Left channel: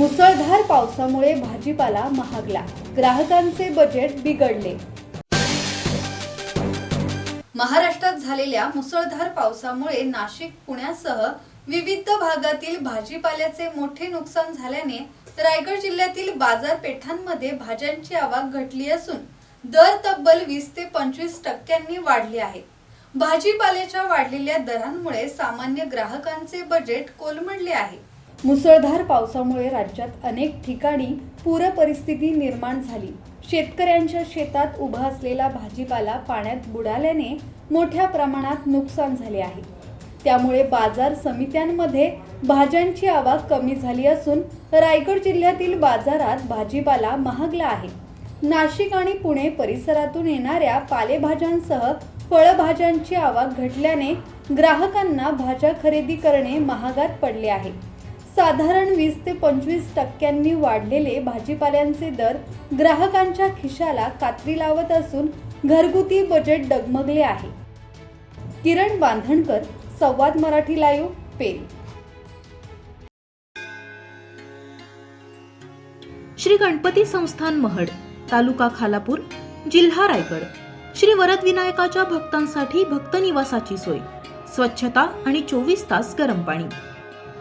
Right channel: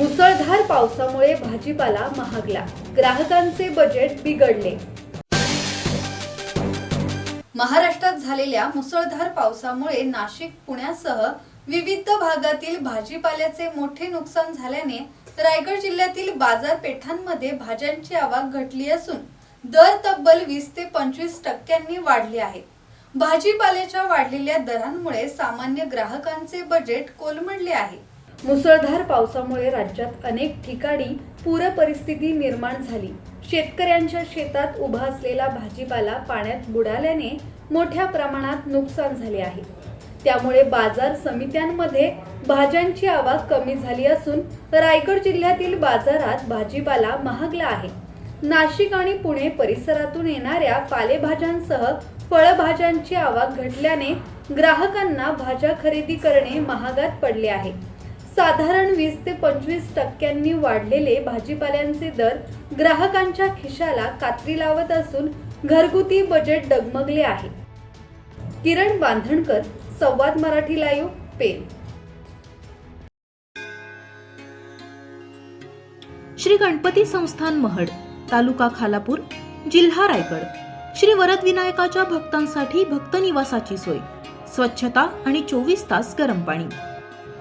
मुसळधार पावसामुळे भाजीपाला महागला. ग्राहकांचे बजेट बिघडले. महाराष्ट्रात झालेल्या मुसळधार पावसामुळे नाशिक पुण्यासह विविध भागातील भाजीपाल्याचे मोठे नुकसान झाल्याने रायगड जिल्ह्यातील बाजारपेठांमध्ये भाज्यांची आवक घटली असून दर तब्बल वीस ते पंचवीस टक्क्यांनी वाढले आहेत भाजीपाल्याच्या वाढलेल्या दरांमुळे सामान्य ग्राहकांचे बजेट कोलमडले आहे. मुसळधार पावसामुळे राज्यात अनेक ठिकाणी पूर परिस्थिती निर्माण झाली. शेतकऱ्यांच्या शेतात उभा असलेला भाजीपाला पाण्यात बुडाल्याने मोठ्या प्रमाणात नुकसान झाले आहे. त्यामुळे बाजार समित्यांमध्ये भाज्यांची आवक कमी झाली असून रायगड जिल्ह्यातील बाजारात भाजीपाला महागला आहे. नाशिक आणि पुणे परिसरातून येणाऱ्या पालेभाज्यांसह फळभाज्यांची आवक घटल्याने ग्राहकांना भाज्या खरेदी करणे महागात पडले आहे. साधारण वीस ते पंचवीस टक्क्यांनी वाढलेले भाजीपाल्यांचे दर ग्राहकांच्या खिशाला कात्री लावत असून घरगुती बजेट डगमगले आहे. किरण बांधणकर संवाद मराठी लाईव्ह पेन श्री गणपती संस्थान महड तालुका खालापूर जिल्हा रायगड. श्री वरद विनायकाच्या भक्तांसाठी भक्त निवासाची सोय स्वच्छता आणि चोवीस तास गरम पाणी.